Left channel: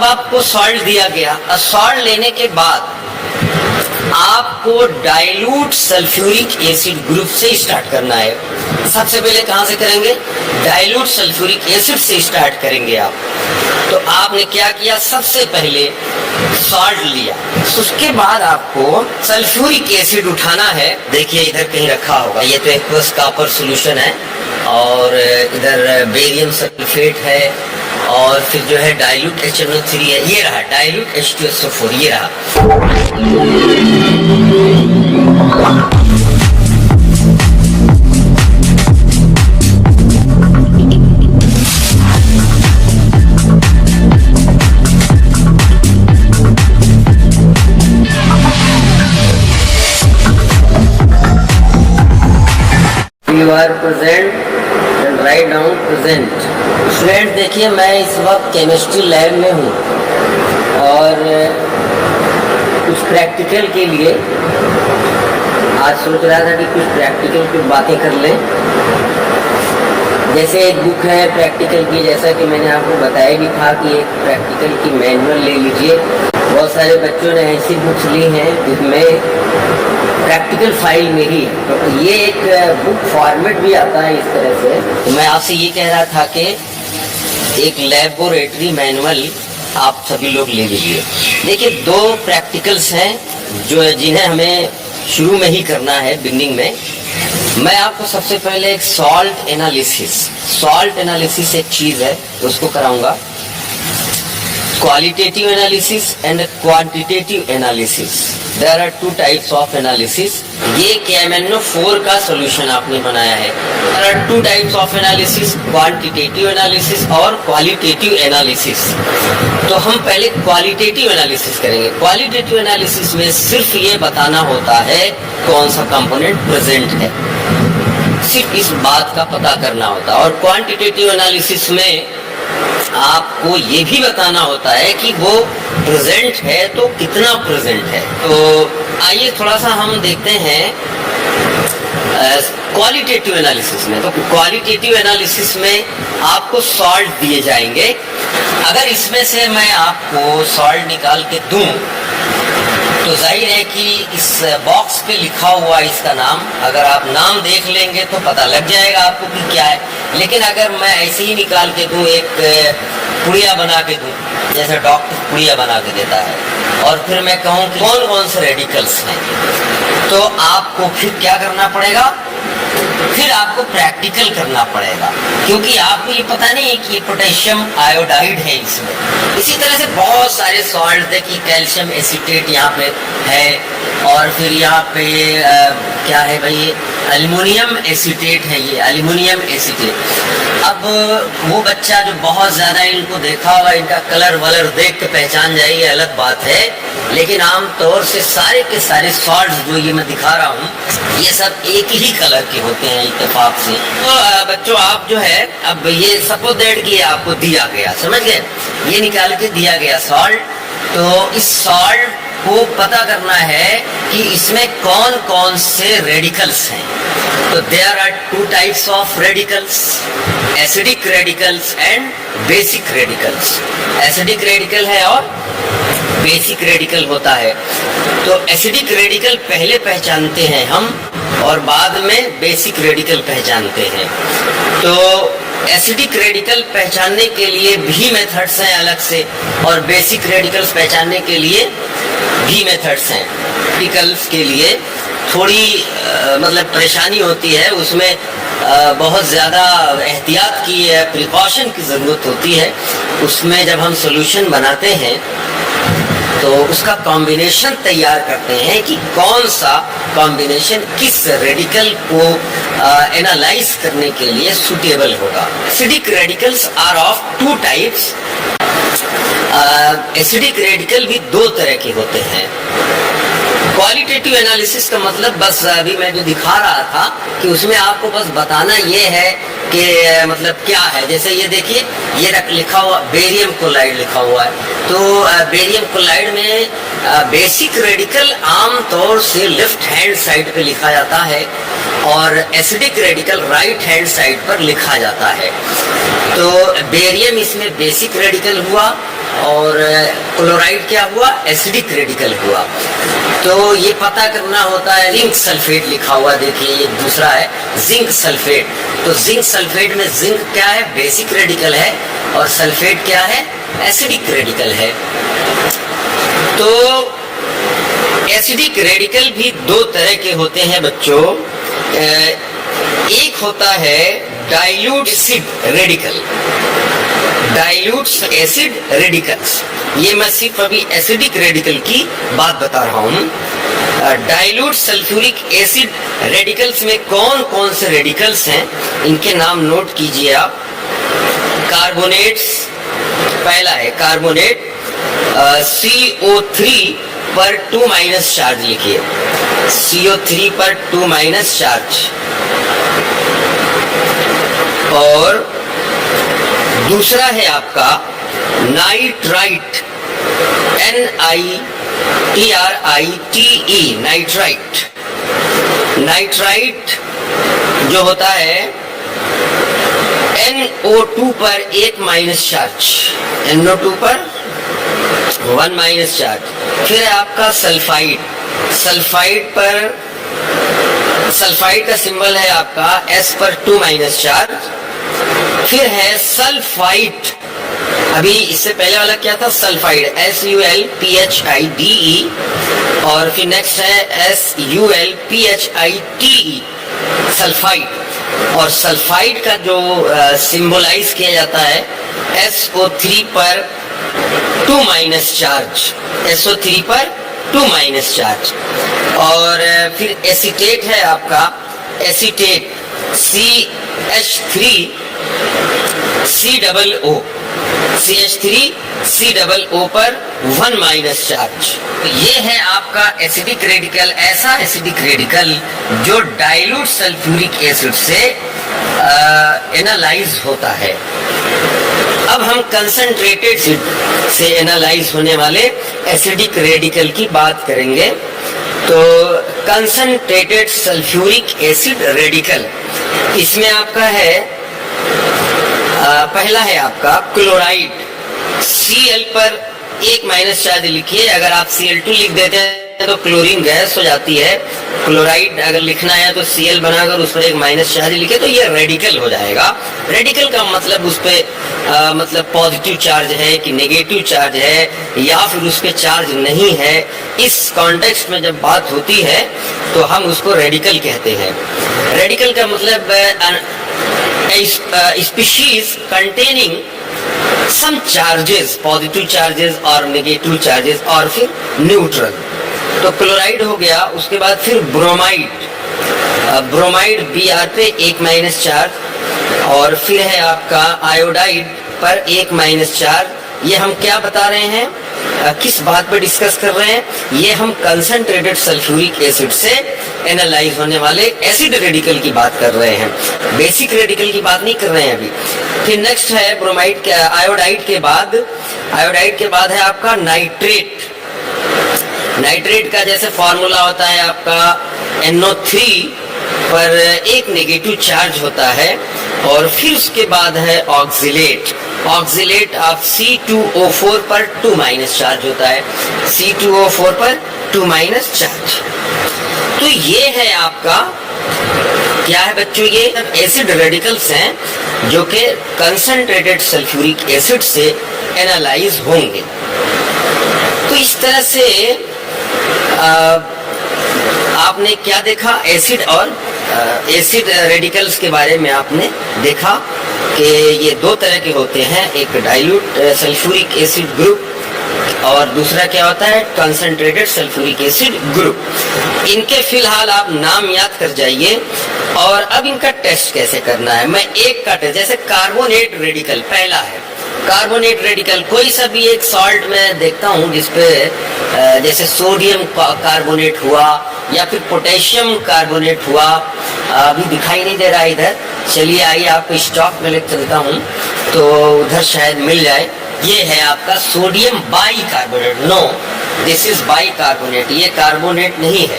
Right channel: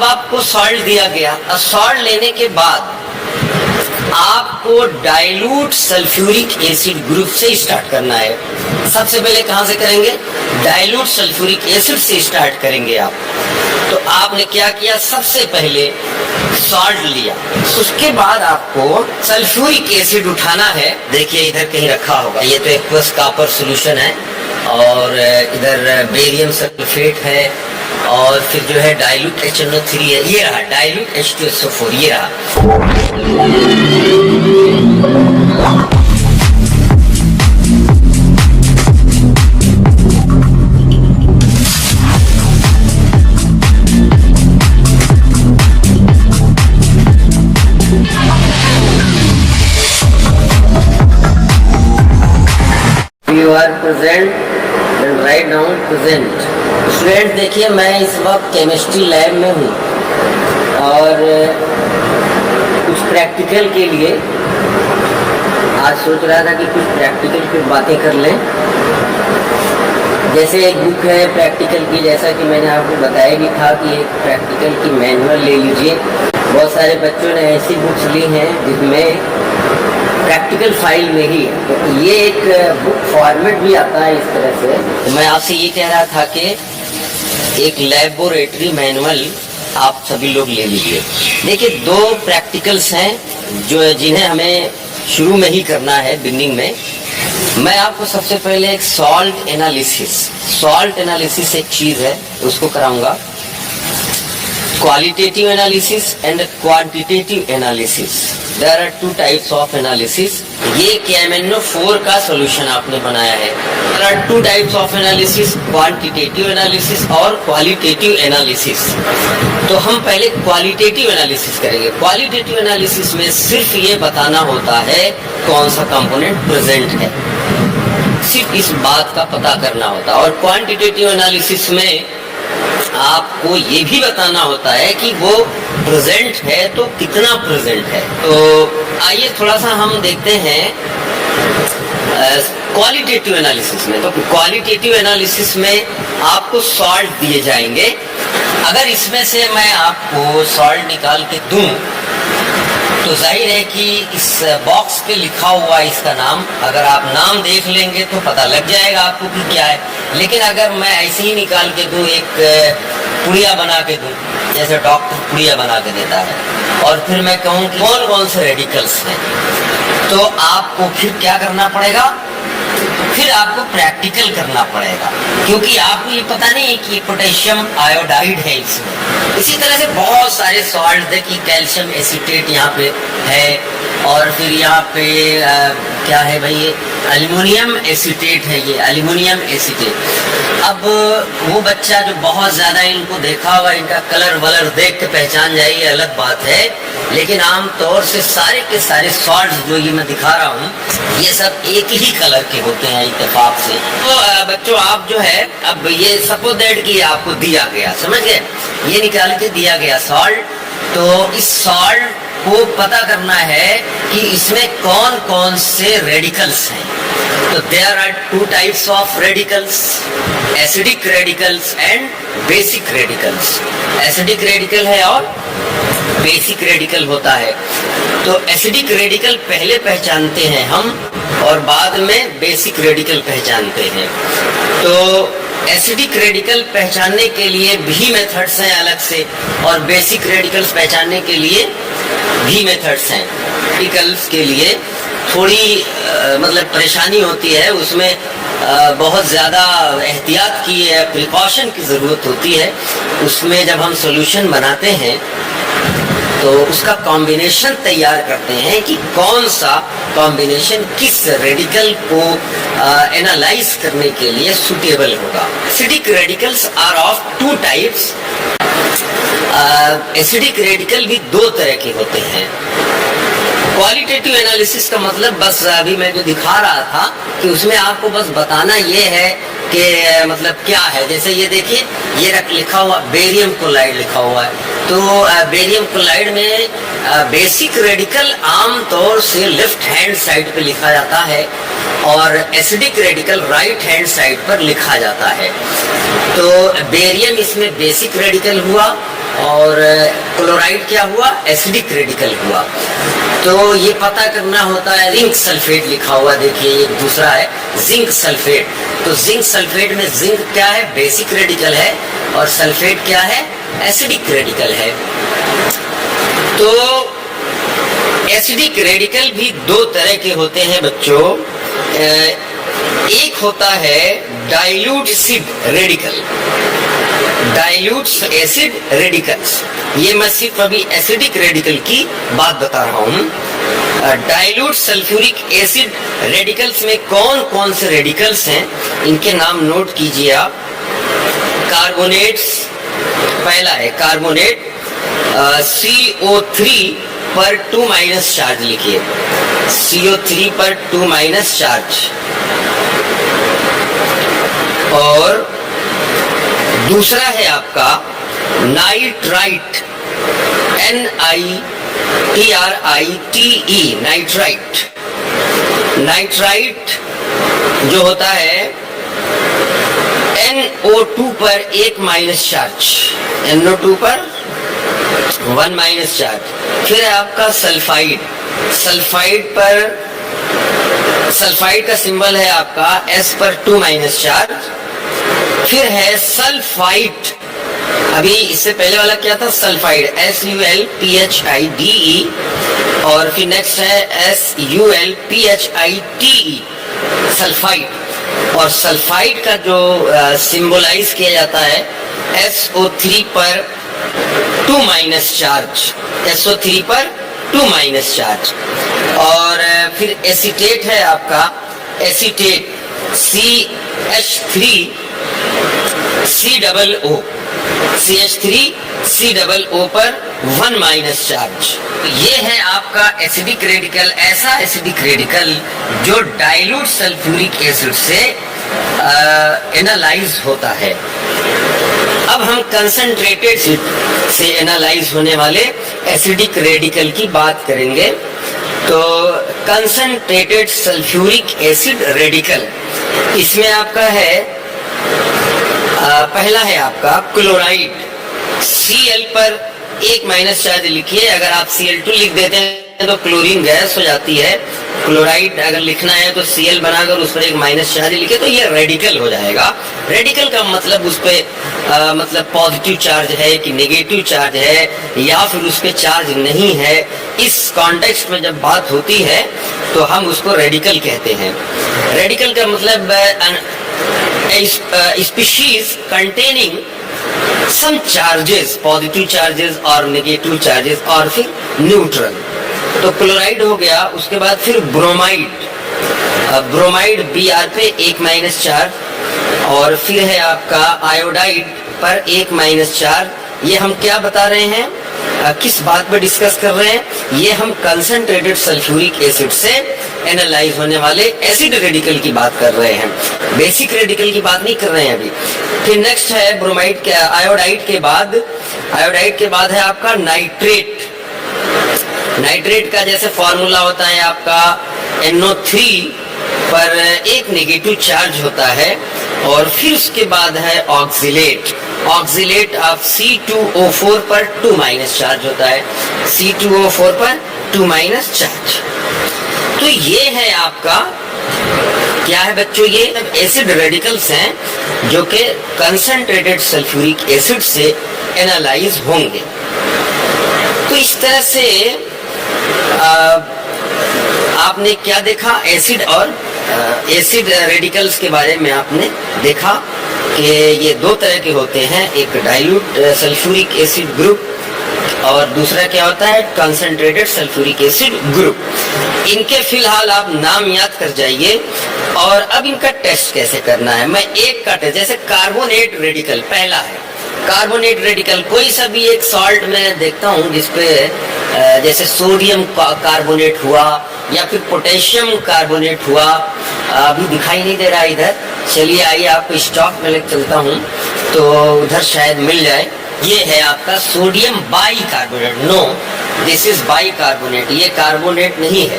अब आपको सॉल्ट दिया गया, सॉल्ट लेने के बाद आपको डाइल्यूट सल्फ्यूरिक एसिड ग्रुप से स्टार्ट करना है। सबसे पहले कहां से करेंगे? डाइल्यूट सल्फ्यूरिक एसिड से स्टार्ट करेंगे आप। तो आपने क्या किया? सबसे पहले सॉल्ट लिया, उसके बाद आपको सल्फ्यूरिक एसिड उठाना है। देखिए इधर कहीं रखा होगा, ये तो एक्वस कॉपर सोल्यूशन है और इधर बेरियम सल्फेट है और फिर जो है डाइल्यूट HNO3 है, ये रहा डाइल्यूट H2SO4, ये रहा। You are present, then write down present. Student देखिए, मैं इस वक्त केमिस्ट्री लैब में हूँ और कुछ प्रैक्टिकल के लिए आज सोच रहा था कि कुछ प्रैक्टिकल की बातें कर लें। जैसे एक बुक है प्रैक्टिकल की, जैसा कि मैंने आपको बताया भी था कि एक प्रैक्टिकल की मैनुअल ले लीजिए। बहुत सारे बच्चों ने ऐसी बुक्स ली हैं जिसमें प्रैक्टिकल फाइल में ही, तो ये एक बुक फॉर्मेट भी आता है इस तरह से। तो मैं आपसे ये कह रहा था कि एक लैबोरेटरी मैनुअल आप सभी लोग ले लीजिए। देखिए दो प्रैक्टिकल्स हैं जो जिन्हें हमें शुरू में ही करना है, बिगनिंग में। मैं आपको सबसे पहले एक सॉल्ट एनालिसिस एक चीज है, उसको कराऊंगा। Qualitative analysis and quantitative analysis, there are two types of analysis. ये KMnO4 का सॉल्यूशन आपने बनाया है। There are two types of analysis, quantitative analysis और क्वालिटेटिव एनालिसिस। तो हम पहले क्वालिटेटिव एनालिसिस करेंगे। क्वालिटेटिव एनालिसिस में सिर्फ ये बताना होता है कौन सा कंपोनेंट प्रेजेंट है, सिर्फ इस बात का पता करना होता है। और क्वांटिटेटिव एनालिसिस में आपको ये भी बताना होता है कि वो प्रेजेंट है तो कितना प्रेजेंट है। तो आइए थोड़ा सा हम देखते हैं क्वालिटेटिव एनालिसिस में। तो क्वालिटेटिव एनालिसिस में आपको सॉल्ट दिए जाएंगे। अगर इसमें से मैं आपको सॉल्ट निकाल के दूं तो जाहिर है कि इस बॉक्स पे लिखा हुआ इसका नाम, अगर आप नाम देख लेंगे तो पता लग जाएगा आपको कि क्या है। लेकिन अगर मैं ऐसे ही निकाल के दूं, एक पुड़िया बना के दूं, जैसे डॉक्टर पुड़िया बना के देता है, और फिर मैं कहूं कि कौन कौन से रेडिकल्स हैं, तो आपको फिर क्या करना पड़ेगा? फिर आपको प्रैक्टिकल करना पड़ेगा, क्योंकि आपको ये पता नहीं है कि पोटेशियम आयोडाइड है इसमें। इसी तरह से बहुत सारे सॉल्ट, देखिए कैल्शियम एसीटेट यहाँ पे है, और फिर यहाँ पे क्या है भाई, एल्युमिनियम एसीटेट है, ये एल्युमिनियम एसीटेट। अब वो बच्चा जो बहुत ज्यादा इनको देखा होगा, इनका कलर वलर देख के पहचान जाए, ये अलग बात है। लेकिन आमतौर से सारे के सारे सॉल्ट जो ये मैं दिखा रहा हूँ, ये सब एक ही कलर के होते हैं इत्तेफाक से। तो बच्चों आप जो है, अब ये सपोज दैट कि आपको दिया गया, समझ गए, ये निकाल के दिया गया सॉल्ट, तो इस सॉल्ट को पता करना है कि इसमें कौन कौन से रेडिकल्स हैं। तो there are two types of radicals, acidic radicals and basic radicals. Acidic radical है और बेसिक रेडिकल होता है। तो एसिडिक रेडिकल पहले पहचानते हैं हम और बाद में बेसिक रेडिकल पहचानते हैं। तो एसिडिक रेडिकल पहचानने के लिए भी मेथड्स हैं अलग से, और बेसिक रेडिकल्स पहचानने के लिए भी मेथड्स हैं। रेडिकल्स के लिए थोड़ी मतलब परेशानी होती है, उसमें बहुत ज़्यादा एहतियात की, प्रिकॉशन की ज़रूरत होती है। उसमें जब हम सॉल्यूशन बनाते हैं तो उसका कॉम्बिनेशन तैयार करते हैं कि कौन सा कॉम्बिनेशन किस रेडिकल को एनालाइज करने के लिए सुटेबल होगा। Acidic radicals are of two types. Acidic radical भी दो तरह के होते हैं। क्वालिटेटिव एनालिसिस का मतलब बस अभी मैं जो दिखा रहा था कि उसमें आपको बस बताना ये है कि मतलब क्या है। जैसे ये देखिए, ये लिखा हुआ बेरियम क्लोराइड लिखा हुआ है, तो बेरियम क्लोराइड में बेसिक रेडिकल आमतौर से लेफ्ट हैंड साइड पे लिखा जाता है और acidic radical right hand side पर लिखा जाता है। तो बेरियम इसमें बेसिक रेडिकल हुआ और क्लोराइड क्या हुआ, एसिडिक रेडिकल हुआ। तो ये पता करना होता है, जिंक सल्फेट लिखा हुआ देखिए, ये दूसरा है जिंक सल्फेट। तो जिंक सल्फेट में जिंक क्या है, बेसिक रेडिकल है, और सल्फेट क्या है, एसिडिक रेडिकल है। तो एसिडिक रेडिकल भी दो तरह के होते हैं बच्चों। एक होता है dilute acid radical, dilute acid radicals. ये मैं सिर्फ अभी एसिडिक रेडिकल की बात बता रहा हूं। डाइल्यूट सल्फ्यूरिक एसिड रेडिकल्स में कौन कौन से रेडिकल्स हैं, इनके नाम नोट कीजिए आप। कार्बोनेट्स, पहला है कार्बोनेट, CO3 पर 2- चार्ज लिखिए, CO3 पर 2- चार्ज। और दूसरा है आपका नाइट्राइट, NITRITE, नाइट्राइट। नाइट्राइट जो होता है NO2 पर 1- चार्ज, NO2 पर 1- चार्ज। फिर है आपका सल्फाइड, सल्फाइड पर, सल्फाइड का सिंबल है आपका S पर 2- चार्ज। फिर है सल्फाइड, अभी इससे पहले वाला क्या था, सल्फाइड, SULPHIDE, और फिर नेक्स्ट है SULPHITE, सल्फाइड। और सल्फाइड का जो सिंबलाइज किया जाता है SO3 पर 2- चार्ज, SO3 पर 2- चार्ज। और फिर एसीटेट है आपका, एसीटेट CH3COO, CH3COO पर 1- चार्ज। ये है आपका एसिडिक रेडिकल, ऐसा एसिडिक रेडिकल जो डाइल्यूट सल्फ्यूरिक एसिड से एनालाइज होता है। अब हम कंसंट्रेटेड से एनालाइज होने वाले एसिडिक रेडिकल की बात करेंगे। तो कंसंट्रेटेड सल्फ्यूरिक एसिड रेडिकल, इसमें आपका है पहला है आपका क्लोराइड, Cl पर 1- चार्ज लिखिए। अगर आप Cl2 लिख देते हैं तो क्लोरीन गैस हो जाती है। क्लोराइड अगर लिखना है तो Cl बनाकर उस पर 1- चार्ज लिखे तो ये रेडिकल हो जाएगा। रेडिकल का मतलब उस पे मतलब पॉजिटिव चार्ज है कि नेगेटिव चार्ज है, या फिर उस पे चार्ज नहीं है। इस कॉन्टेक्स्ट में जब बात होती है तो हम उसको रेडिकल कहते हैं। रेडिकल का मतलब species containing some charges, positive charges और नेगेटिव चार्जेस, और फिर न्यूट्रल। तो क्लोराइड हो गया, उसके बाद फिर ब्रोमाइड, ब्रोमाइड Br पे 1- चार्ज, और फिर है आपका आयोडाइड पर 1- चार्ज। ये हम क्या बता रहे हैं, किस बात पर डिस्कस कर रहे हैं, ये हम कंसंट्रेटेड सल्फ्यूरिक एसिड से एनालाइज होने वाले एसिड रेडिकल की बात कर रहे हैं, बेसिक रेडिकल की बात नहीं कर रहे हैं अभी। फिर नेक्स्ट है ब्रोमाइड, आयोडाइड के बाद, आयोडाइड के बाद है आपका नाइट्रेट। नाइट्रेट का जैसे फॉर्मूला होता है आपका NO3 पर 1 नेगेटिव चार्ज होता है, और फिर उसके बाद है ऑक्सिलेट। ऑक्सिलेट आप C2O4 पर 2- चार्ज होता है, C2O4 पर 2- चार्ज। तो ये है आपका क्या है बच्चों, ये सब एसिड रेडिकल्स हैं जो कि कंसंट्रेटेड सल्फ्यूरिक एसिड से एनालाइज होंगे। तो इस तरह से आपने क्या देखा, एसिड और एसिड रेडिकल्स के बारे में आपने देखा कि ये दो तरह के होते हैं, एक डाइल्यूट सल्फ्यूरिक एसिड ग्रुप और दूसरा क्या होता है, कंसंट्रेटेड सल्फ्यूरिक एसिड ग्रुप। इनके फिलहाल आप नाम याद कर जाइए। और अब इनका टेस्ट कैसे करना है, मैं एक का टेस्ट, जैसे कार्बोनेट रेडिकल पहला है। कार्बोनेट रेडिकल कोई सा भी एक सॉल्ट में देखता हूँ जिसपे जैसे सोडियम कार्बोनेट हुआ या फिर पोटेशियम कार्बोनेट हुआ, अभी दिखाई नहीं दे रहा है इधर। चलिए आइए आपको स्टॉक में लेकर चलता हूँ तो उधर शायद मिल जाए। ये है आपका sodium bicarbonate. No, this is bicarbonate, ये कार्बोनेट नहीं है।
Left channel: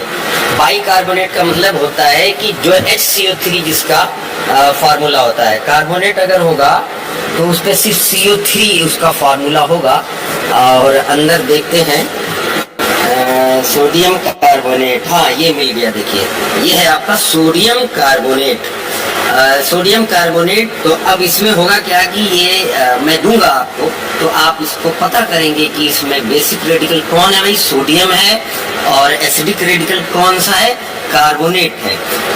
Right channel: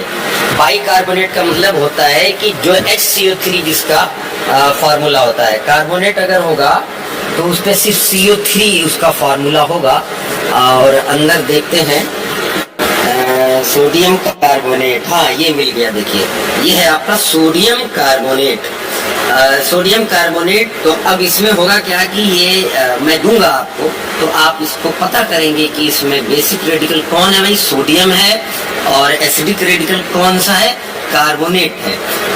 बाइकार्बोनेट का मतलब होता है कि जो HCO3 जिसका फॉर्मूला होता है। कार्बोनेट अगर होगा तो उस पर सिर्फ CO3 उसका फार्मूला होगा। और अंदर देखते हैं सोडियम कार्बोनेट, हाँ ये मिल गया, देखिए ये है आपका सोडियम कार्बोनेट। Sodium carbonate. तो अब इसमें होगा क्या कि ये मैं दूंगा आपको, तो आप इसको पता करेंगे कि इसमें बेसिक रेडिकल कौन है, भाई सोडियम है, और एसिडिक रेडिकल कौन सा है, कार्बोनेट है।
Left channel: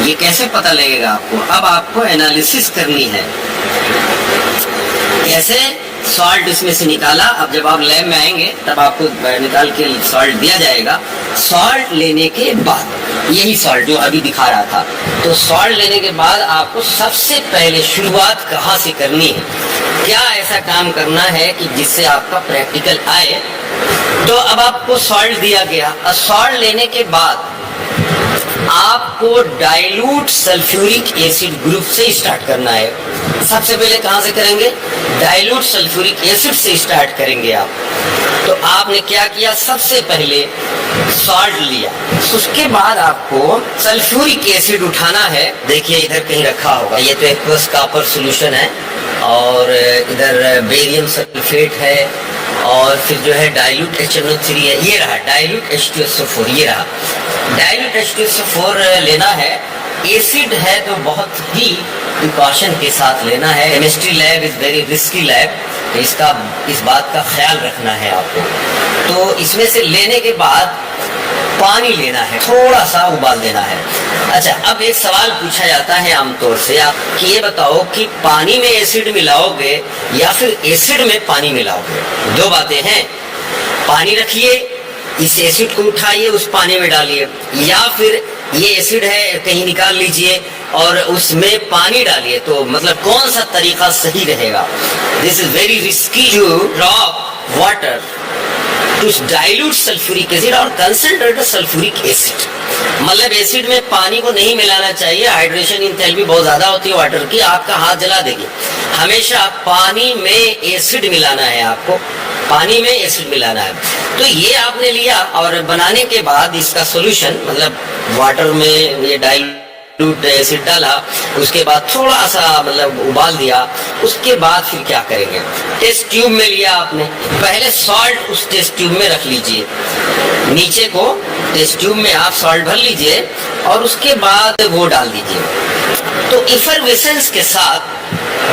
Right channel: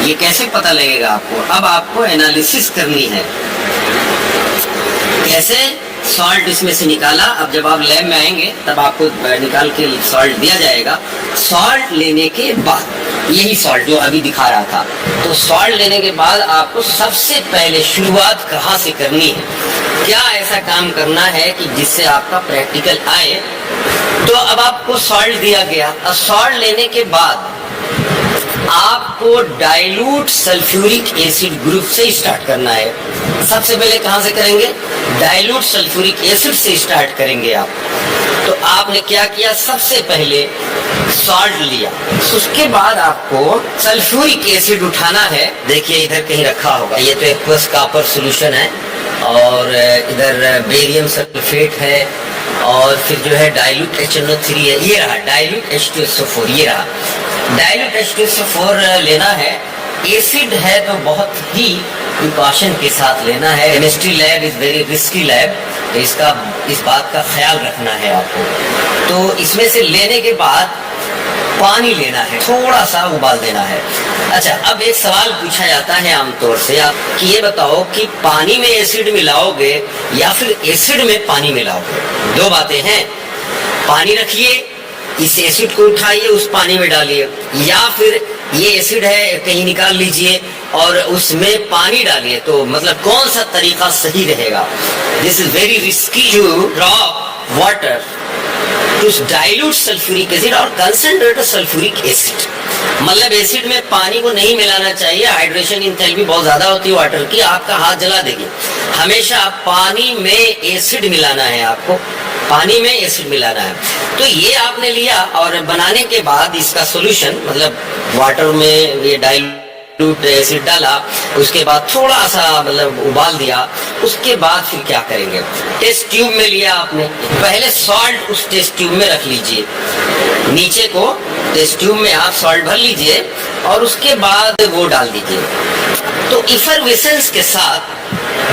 ये कैसे पता लगेगा आपको? अब आपको एनालिसिस करनी है। कैसे? सॉल्ट इसमें से निकाला, अब जब आप लैब में आएंगे तब आपको निकाल के सॉल्ट दिया जाएगा। सॉल्ट लेने के बाद, यही सॉल्ट जो अभी दिखा रहा था, तो सॉल्ट लेने के बाद आपको सबसे पहले शुरुआत कहाँ से करनी है, क्या ऐसा काम करना है कि जिससे आपका प्रैक्टिकल आए। तो अब आपको सॉल्ट दिया गया, और सॉल्ट लेने के बाद आपको डाइल्यूट सल्फ्यूरिक एसिड ग्रुप से स्टार्ट करना है। सबसे पहले कहां से करेंगे? डाइल्यूट सल्फ्यूरिक एसिड से स्टार्ट करेंगे आप। तो आपने क्या किया, सबसे पहले सॉल्ट लिया, उसके बाद आपको सल्फ्यूरिक एसिड उठाना है। देखिए इधर कहीं रखा होगा, ये तो एक्वस कॉपर सोल्यूशन है, और इधर बेरियम सल्फेट है, और फिर जो है डाइल्यूट HNO3 है, ये रहा डाइल्यूट H2SO4, ये रहा डाइल्यूट H2SO4 लेना है। एसिड है तो बहुत ही प्रिकॉशन के साथ लेना है। Chemistry lab is very risky lab, तो इस बात का ख्याल रखना है आपको। तो इसमें से लेने के बाद पानी लेना है, थोड़ा सा उबाल देना है। अच्छा, अब एक सवाल पूछा जाता है आमतौर से, आप कि ये बताओ कि पानी में एसिड मिलाओगे या फिर एसिड में पानी मिलाओगे? दो बातें हैं, पानी रखिए, इस एसिड को उठाइए, उस पानी में डालिए, या फिर ये एसिड है कहीं निकाल लीजिए और उसमें पानी डालिए। तो मतलब कौन सा तरीका सही रहेगा? This is very risky to drop water to dilute sulphuric acid और कंसंट्रेटेड सल्फ्यूरिक एसिड। मतलब एसिड में पानी को नहीं मिलाना चाहिए, हाइड्रेशन इंथैल्पी बहुत ज्यादा होती है वाटर की, आपका हाथ जला देगी। हमेशा पानी में एसिड मिलाना है, आपको पानी में एसिड मिलाना है। तो ये आपने लिया, और बनाने के बाद इसका सॉल्यूशन, मतलब वाटर में ये डाइल्यूट एसिड डाला, उसके बाद थोड़ा सा मतलब उबाल दिया, उसके बाद फिर क्या करेंगे? टेस्ट ट्यूब में लिया आपने, पहले सॉल्ट उस टेस्ट ट्यूब में रख लीजिए, नीचे को टेस्ट ट्यूब में आप सॉल्ट भर लीजिए और उसके बाद वो डाल दीजिए। तो इफरवेसेंस के साथ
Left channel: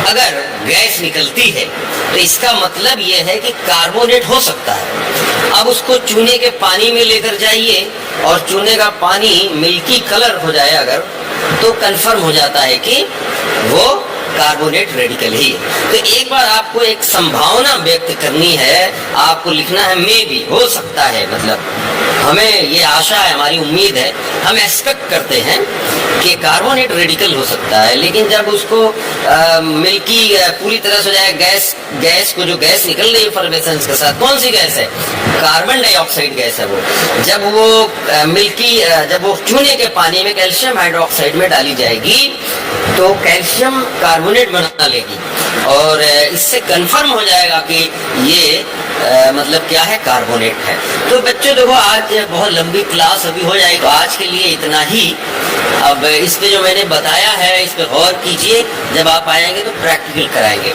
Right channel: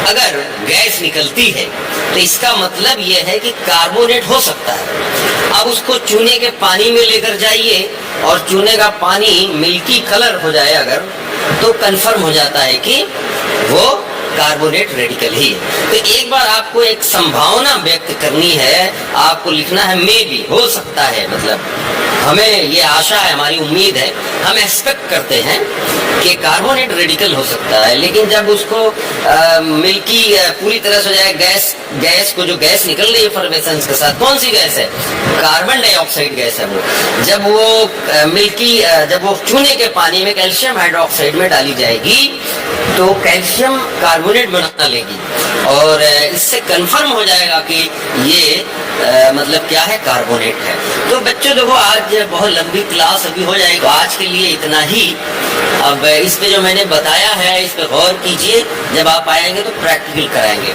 अगर गैस निकलती है तो इसका मतलब ये है कि कार्बोनेट हो सकता है। अब उसको चूने के पानी में लेकर जाइए और चूने का पानी मिल्की कलर हो जाए अगर, तो कंफर्म हो जाता है कि वो कार्बोनेट रेडिकल ही। तो एक बार आपको एक संभावना व्यक्त करनी है, आपको लिखना है मे बी, हो सकता है, मतलब हमें ये आशा है, हमारी उम्मीद है, हम एक्सपेक्ट करते हैं कि कार्बोनेट रेडिकल हो सकता है। लेकिन जब उसको मिल्की पूरी तरह से हो जाए, गैस को जो गैस निकल रही है इफरवेसेंस के साथ, कौन सी गैस है? कार्बन डाइऑक्साइड गैस है वो। जब वो मिल्की जब वो चूने के पानी में कैल्शियम हाइड्रोक्साइड में डाली जाएगी तो कैल्शियम कार्बोनेट बना लेगी, और इससे कंफर्म हो जाएगा कि ये मतलब क्या है, कार्बोनेट है। तो बच्चों देखो, आज बहुत लंबी क्लास अभी हो जाएगी, तो आज के लिए इतना ही। अब इस पे जो मैंने बताया है इस पे गौर कीजिए, जब आप आएंगे तो प्रैक्टिकल कराएंगे।